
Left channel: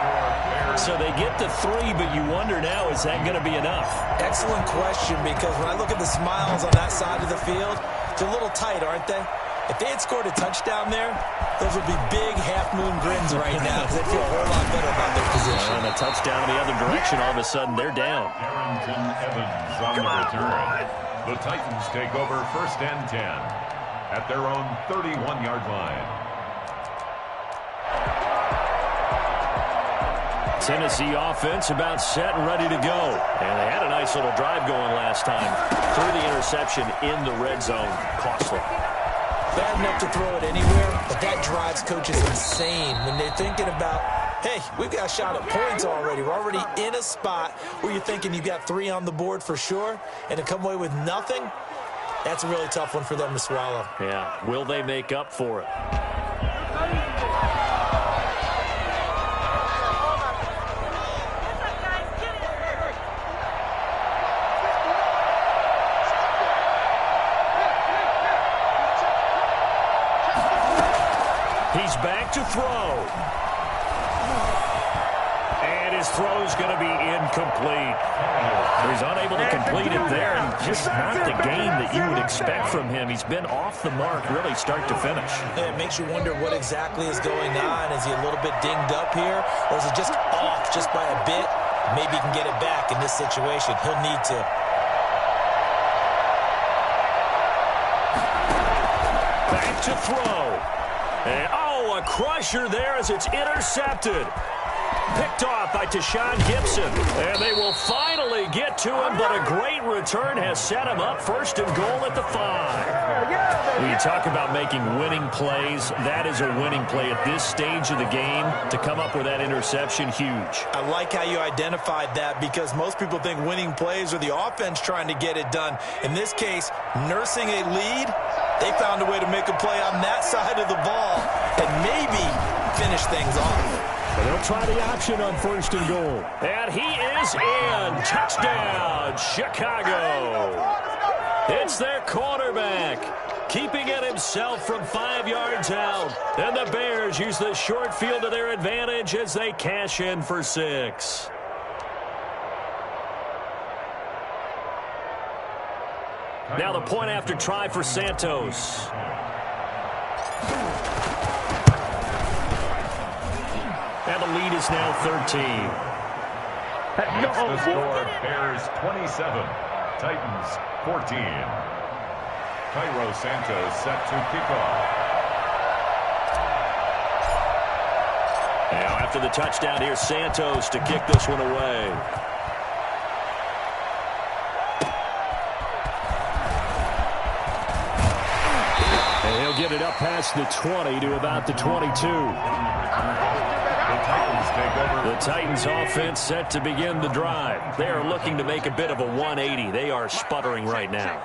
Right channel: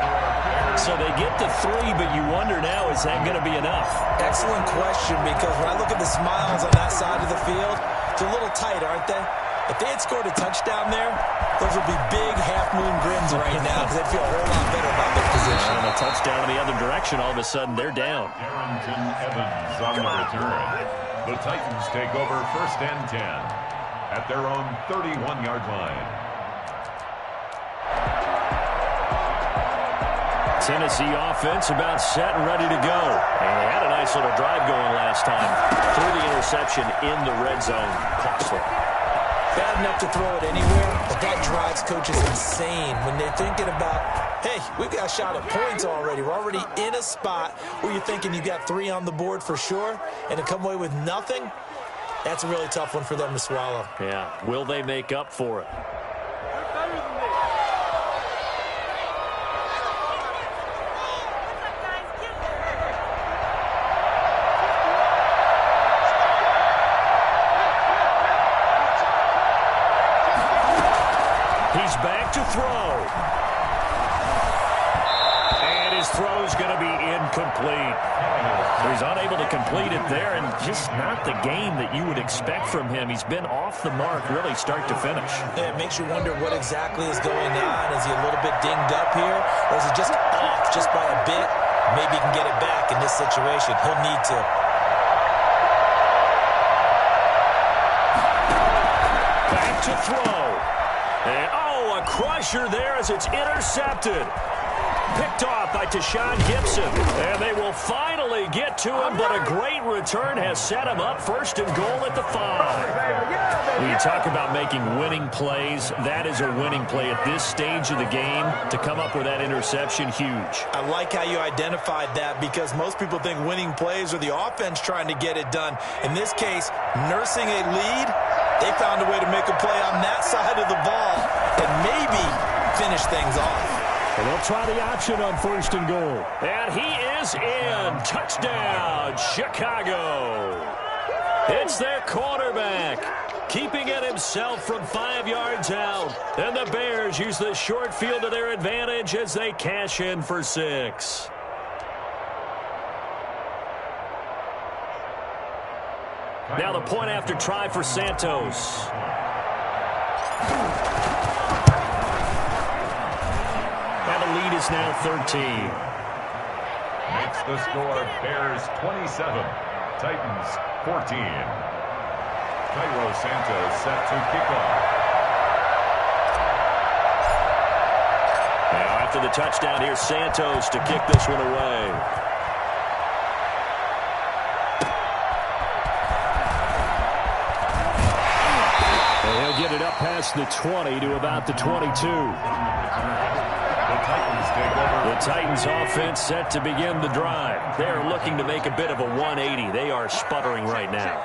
So they get the 3, but you wonder now, is that going to be enough? Excellent question, because when I look at the smiles on that side of the field, they're a little tight, aren't they? If they had scored a touchdown there, those would be big half-moon grins right now because they'd feel a whole lot better about their position. And a touchdown in the other direction, all of a sudden they're down. Darrington Evans on the return. The Titans take over 1st and 10. At their own 31-yard line. Tennessee offense about set and ready to go. And they had a nice little drive going last time. Threw the interception in the red zone. Costly. Bad enough to throw it anywhere, but that drives coaches insane when they're thinking about, hey, we've got a shot at points already. We're already in a spot where you're thinking you've got 3 on the board for sure, and to come away with nothing, that's a really tough one for them to swallow. Yeah. Will they make up for it? He's back to throw. And his throw's going to be incomplete. He's unable to complete it there, and just not the game that you would expect from him. He's been off the mark really start to finish. It makes you wonder what exactly is going on. Is he a little bit dinged up here, or is he just off just by a bit? Maybe he can get it back in this situation. He'll need to. Back to throw. And, oh, a crusher there as it's intercepted. Picked off by Tashawn Gibson. And they will finally get to him, but a great return has set him up 1st and goal at the 5. When you talk about making winning plays, that is a winning play at this stage of the game. To come up with that interception, huge. I like how you identified that because most people think winning plays are the offense trying to get it done. In this case, nursing a lead They found a way to make a play on that side of the ball and maybe finish things off. And they'll try the option on 1st and goal. And he is in. Touchdown, Chicago. It's their quarterback, keeping it himself from 5 yards out. And the Bears use the short field to their advantage as they cash in for 6. Now the point after try for Santos. And the lead is now 13. Next the score, Bears 27, Titans 14. Cairo Santos set to kick off. Now after the touchdown, here's Santos to kick this one away. And he'll get it up past the 20 to about the 22. The Titans take over. The Titans offense set to begin the drive. They are looking to make a bit of a 180. They are sputtering right now.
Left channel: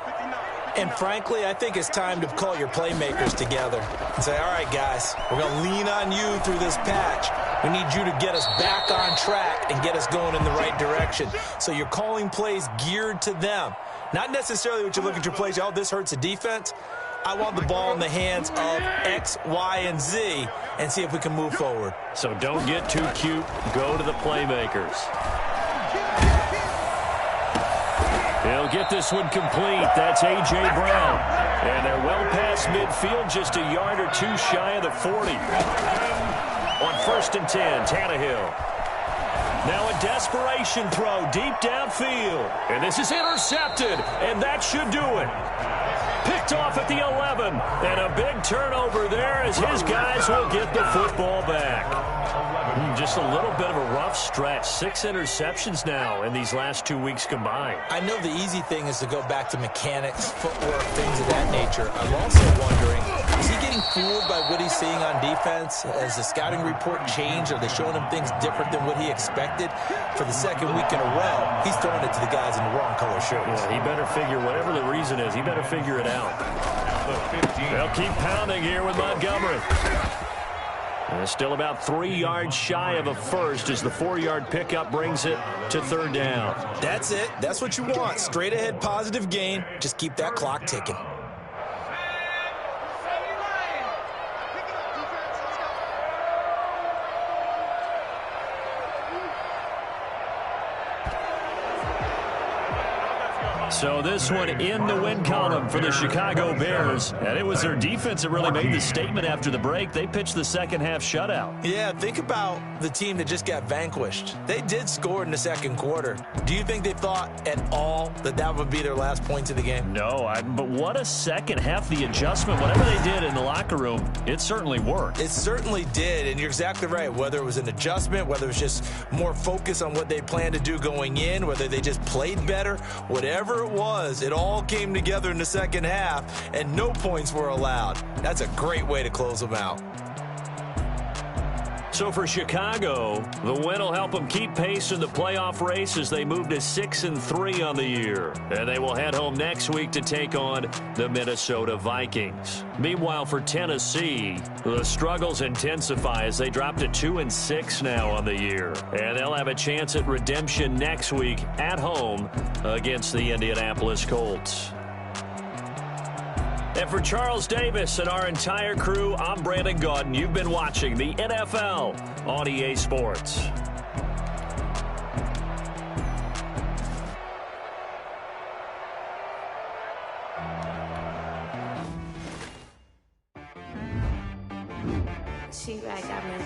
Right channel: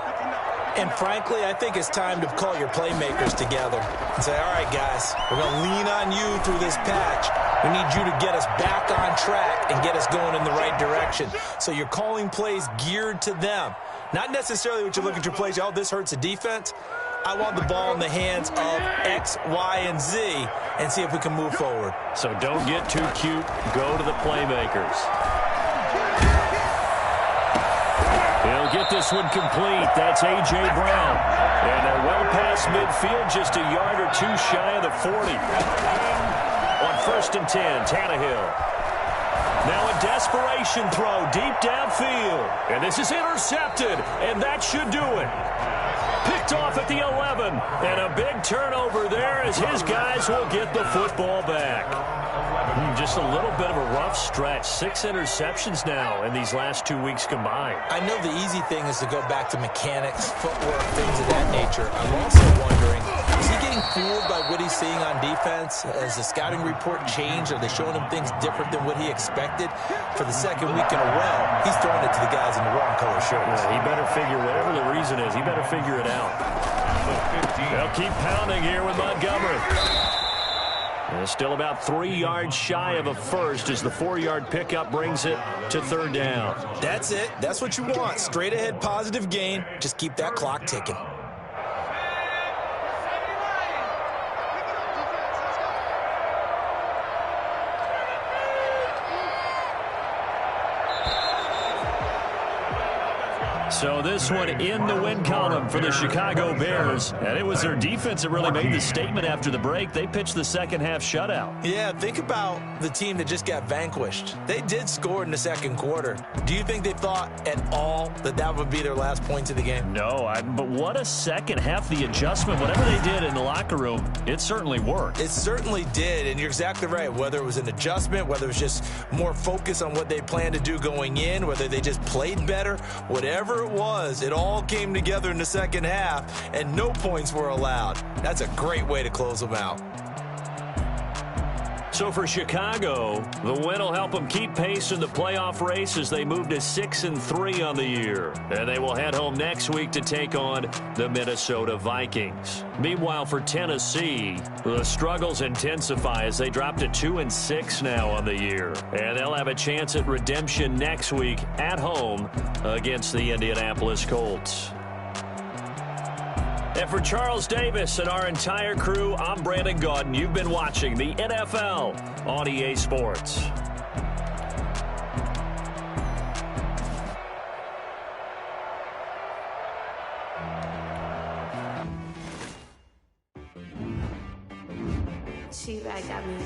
And frankly, I think it's time to call your playmakers together and say, all right, guys, we're going to lean on you through this patch. We need you to get us back on track and get us going in the right direction. So you're calling plays geared to them. Not necessarily what you look at your plays, oh, this hurts the defense. I want the ball in the hands of X, Y, and Z and see if we can move forward. So don't get too cute. Go to the playmakers. He'll get this one complete. That's A.J. Brown. And they're well past midfield, just a yard or two shy of the 40. On 1st and 10, Tannehill. Now a desperation throw deep downfield. And this is intercepted, and that should do it. Picked off at the 11, and a big turnover there as his guys will get the football back. Just a little bit of a rough stretch. 6 interceptions now in these last 2 weeks combined. I know the easy thing is to go back to mechanics, footwork, things of that nature. I'm also wondering, is he getting fooled by what he's seeing on defense? Has the scouting report changed? Are they showing him things different than what he expected? For the second week in a row, he's throwing it to the guys in the wrong color shirts. Yeah, he better figure, whatever the reason is, he better figure it out. They'll keep pounding here with Montgomery. Still about 3 yards shy of a first as the 4-yard pickup brings it to 3rd down. That's it. That's what you want. Straight ahead positive gain. Just keep that clock ticking. So this one in the win column for the Chicago Bears. And it was their defense that really made the statement after the break. They pitched the second half shutout. Yeah, think about the team that just got vanquished. They did score in the second quarter. Do you think they thought at all that that would be their last points of the game? No, but what a second half. The adjustment, whatever they did in the locker room, it certainly worked. It certainly did, and you're exactly right. Whether it was an adjustment, whether it was just more focus on what they planned to do going in, whether they just played better, whatever it was, it all came together in the second half, and no points were allowed. That's a great way to close them out. So for Chicago, the win will help them keep pace in the playoff race as they move to 6-3 on the year. And they will head home next week to take on the Minnesota Vikings. Meanwhile, for Tennessee, the struggles intensify as they drop to 2-6 now on the year. And they'll have a chance at redemption next week at home against the Indianapolis Colts. And for Charles Davis and our entire crew, I'm Brandon Gaudin. You've been watching the NFL on EA Sports. She right got me.